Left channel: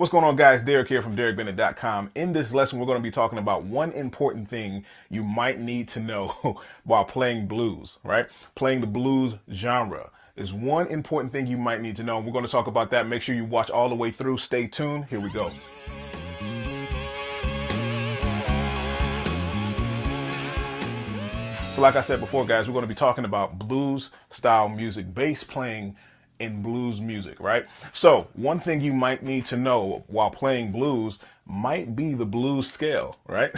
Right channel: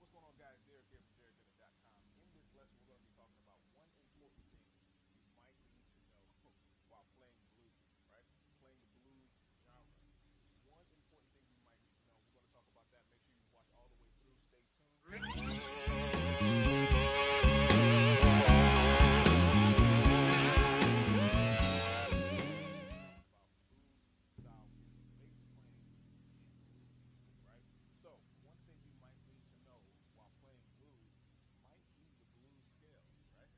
What's going on, guys? Derek here from DerekBennett.com. In this lesson, we're going to be talking about one important thing you might need to know while playing blues, right? Playing the blues genre is one important thing you might need to know. We're going to talk about that. Make sure you watch all the way through. Stay tuned. Here we go. So like I said before, guys, we're going to be talking about blues style music, bass playing in blues music, right? So one thing you might need to know while playing blues might be the blues scale, right?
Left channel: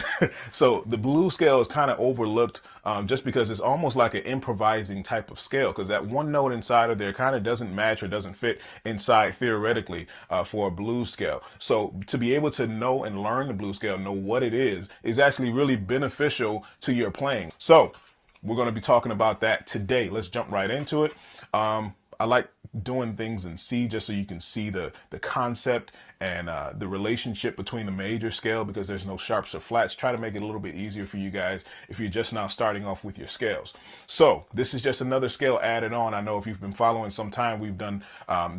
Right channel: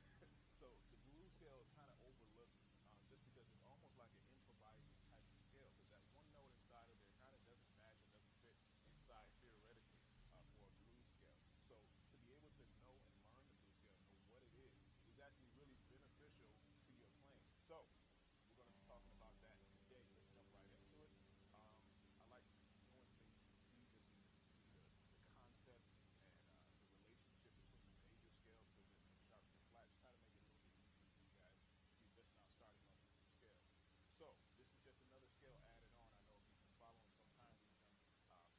So the blues scale is kind of overlooked just because it's almost like an improvising type of scale, because that one note inside of there kind of doesn't match or doesn't fit inside theoretically for a blues scale. So to be able to know and learn the blues scale, know what it is actually really beneficial to your playing. So we're going to be talking about that today. Let's jump right into it. I like doing things in C just so you can see the concept and the relationship between the major scale, because there's no sharps or flats. Try to make it a little bit easier for you guys if you're just now starting off with your scales. So this is just another scale added on. I know if you've been following some time, we've done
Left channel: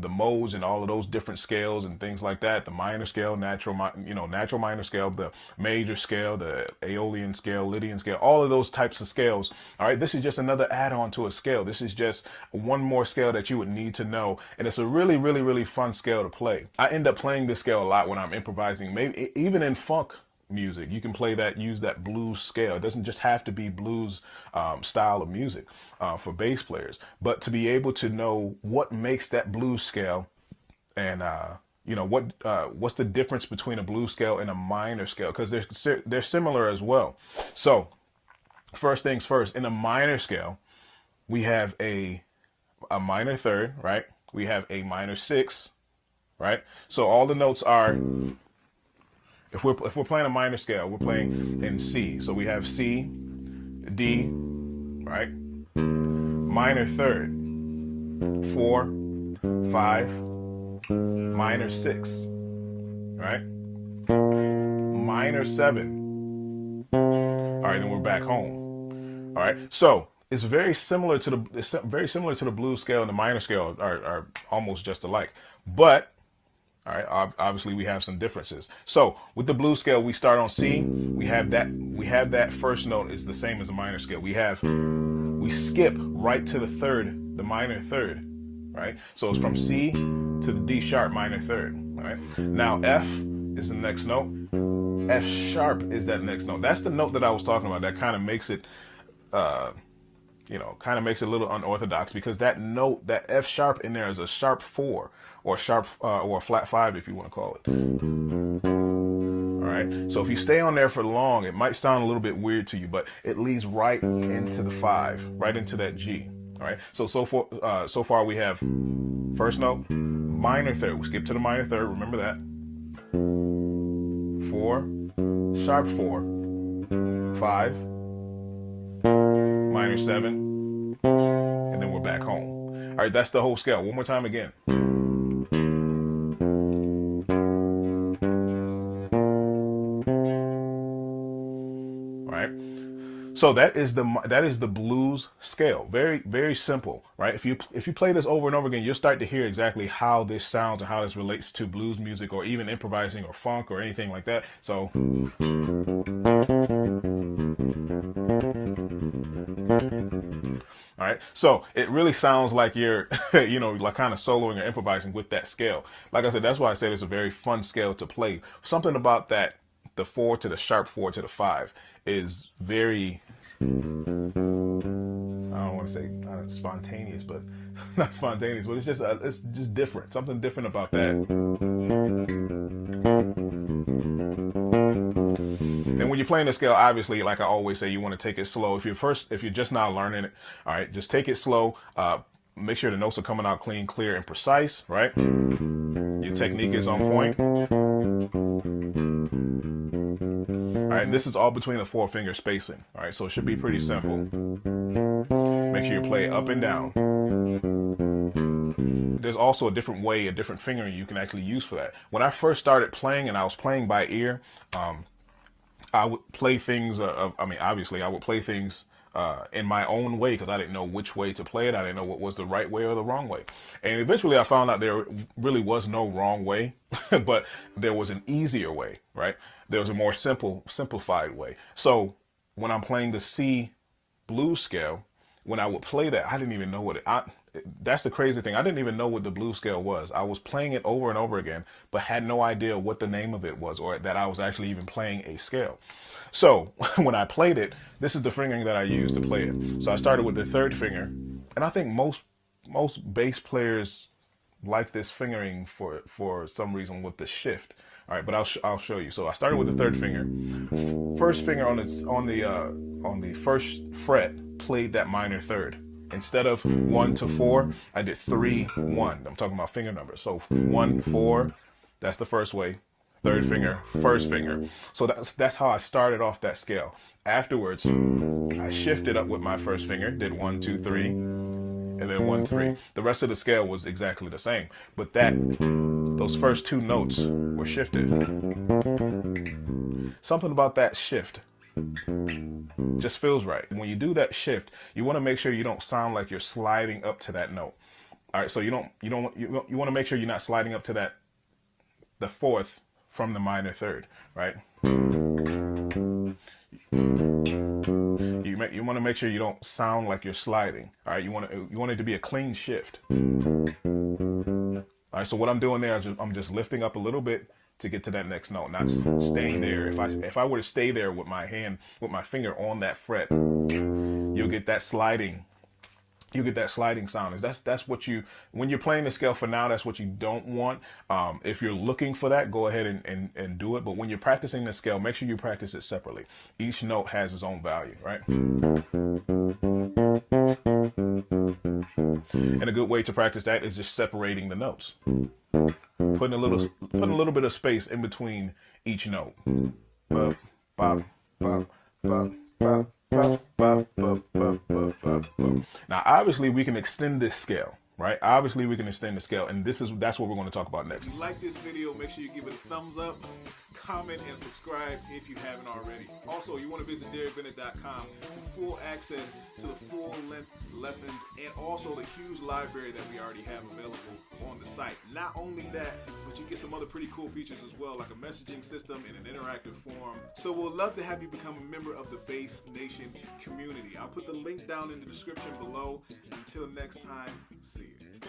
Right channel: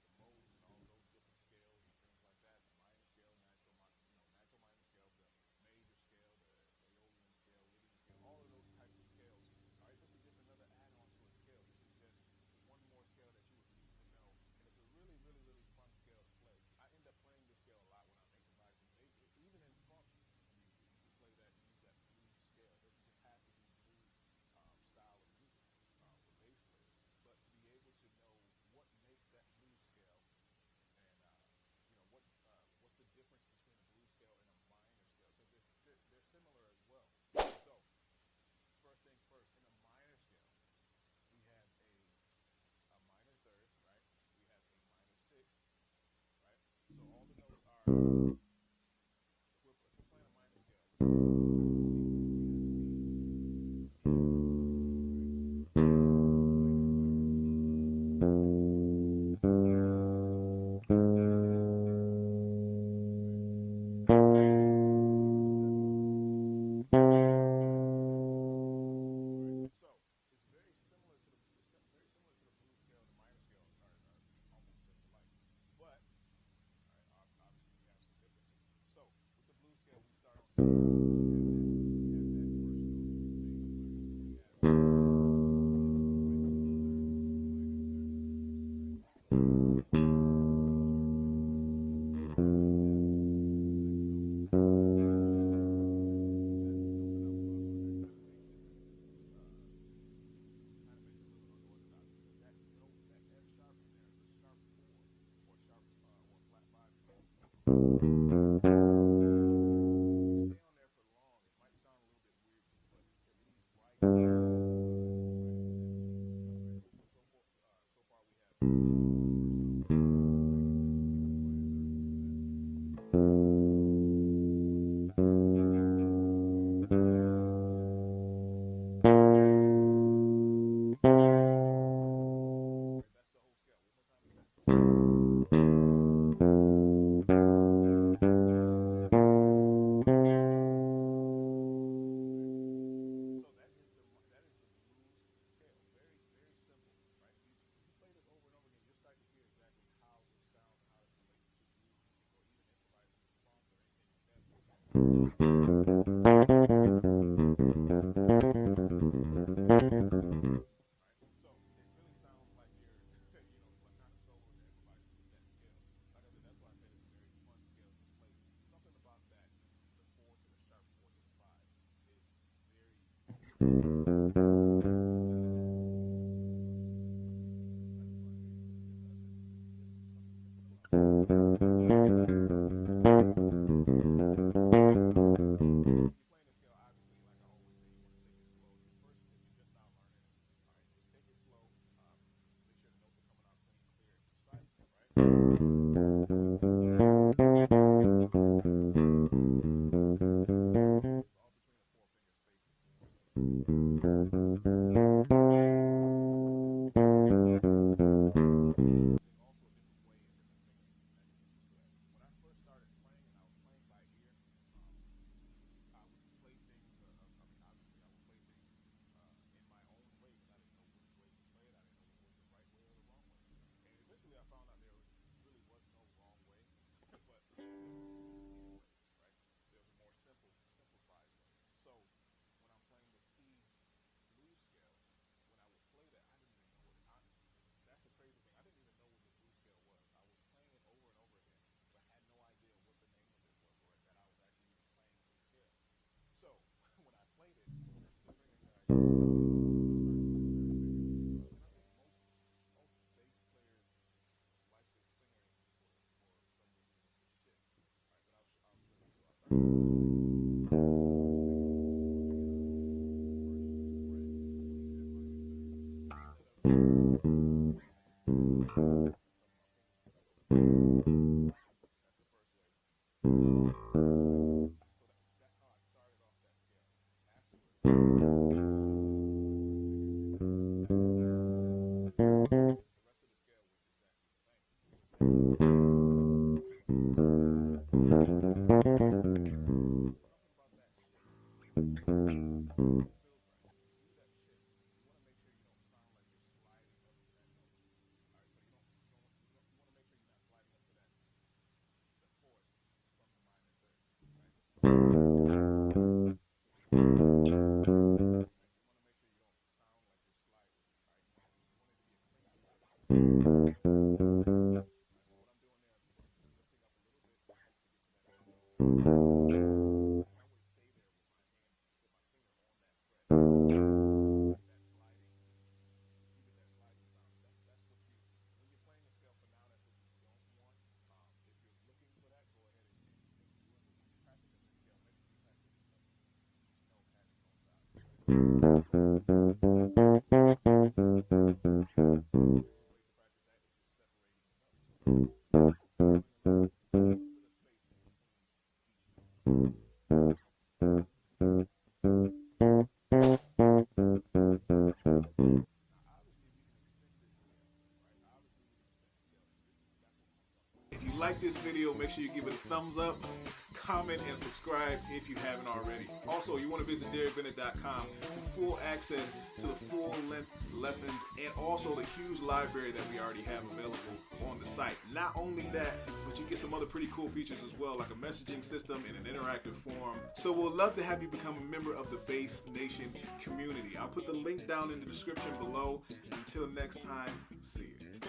the modes and all of those different scales and things like that. The minor scale, natural minor scale, the major scale, the Aeolian scale, Lydian scale, all of those types of scales. All right, this is just another add-on to a scale. This is just one more scale that you would need to know, and it's a really, really, really fun scale to play. I end up playing this scale a lot when I'm improvising, maybe even in funk music. You can play that, use that blues scale. It doesn't just have to be blues style of music for bass players, but to be able to know what makes that blues scale and what's the difference between a blues scale and a minor scale, because they're similar as well. So first things first, in a minor scale, we have a minor third, right? We have a minor six, right? So all the notes are, if we're playing a minor scale, we're playing in C. So we have C, D, right? Minor third, 4, 5, minor 6, right? Minor 7. All right, then we're back home. All right, so it's very similar to the blues scale, and the minor scale are almost just alike. But all right, obviously we have some differences. So with the blues scale, we start on C. We have that first note is the same as the minor scale. We skip right to the third, the minor third, right? So it's from C to the D sharp minor third. All right. Now F is the next note. F sharp is that next note. That's the note that I was talking about. That kind of makes it kind of makes it a little unorthodox, because that note, that F sharp in there, is a sharp 4 or sharp or a flat 5 if you want to call it. All right. So if you stay on there for long, it might sound a little bit weird to you, but it leads right into the 5, right into that G. All right. So far we have first note, minor third. We skip to the minor third. Remember that. 4, sharp 4, 5, minor 7, and then we're back home. All right, that's the whole scale. One more time again. All right. So that is the blues scale. Very, very simple, right? If you play this over and over again, you'll start to hear exactly how this sounds and how this relates to blues music, or even improvising or funk or anything like that. So all right, so it really sounds like you're, like kind of soloing or improvising with that scale. Like I said, that's why I said it's a very fun scale to play. Something about that, the 4 to the sharp 4 to the 5, is very, I don't want to say not spontaneous, but not spontaneous, but it's just different. Something different about that. Then when you're playing the scale, obviously, like I always say, you want to take it slow. If you're just now learning it, all right, just take it slow. Make sure the notes are coming out clean, clear, and precise, right? Your technique is on point. All right, this is all between a 4-finger spacing. All right, so it should be pretty simple. Make sure you play up and down. There's also a different way, a different fingering you can actually use for that. When I first started playing and I was playing by ear, I would play things. Obviously, I would play things in my own way because I didn't know which way to play it. I didn't know what was the right way or the wrong way. And eventually I found out there really was no wrong way, but there was an easier way, right? There was a more simplified way. So when I'm playing the C blues scale, when I would play that, I didn't even know what that's the crazy thing. I didn't even know what the blues scale was. I was playing it over and over again, but had no idea what the name of it was or that I was actually even playing a scale. So when I played it, this is the fingering that I used to play it. So I started with the third finger, and I think most bass players like this fingering for some reason with the shift. All right, but I'll show you. So I started with the third finger. First finger on the first fret played that minor third. Instead of 1 to 4, I did 3 1. I'm talking about finger numbers. So 1 4, that's the first way. Third finger, first finger. So that's how I started off that scale. Afterwards, I shifted up with my first finger, did 1 2 3, and then 1 3. The rest of the scale was exactly the same, but those first two notes were shifted. Something about that shift just feels right. When you do that shift, you want to make sure you don't sound like you're sliding up to that note. All right, so you want to make sure you're not sliding up to the fourth from the minor third, right? You want to make sure you don't sound like you're sliding. All right, you want it to be a clean shift. All right, so what I'm doing there is I'm just lifting up a little bit to get to that next note, not staying there. If I were to stay there with my finger on that fret, you'll get that sliding. You get that sliding sound. That's what when you're playing the scale for now, that's what you don't want. If you're looking for that, go ahead and do it. But when you're practicing the scale, make sure you practice it separately. Each note has its own value, right? And a good way to practice that is just separating the notes. Putting a little bit of space in between each note. Bop, bop, bop, bop, bop, bop, bop, bop, bop, bop, bop. Now, obviously, we can extend this scale, right? Obviously, we can extend the scale, and that's what we're going to talk about next. If you like this video, make sure you give it a thumbs up, comment, and subscribe if you haven't already. Also, you want to visit DerrickBennett.com for full access to the full-length lessons and also the huge library that we already have available on the site. Not only that, but you get some other pretty cool features as well, like a messaging system and an interactive forum. So we'll love to have you become a member of the Bass Nation community. I'll put the link down in the description below. Until next time, see you.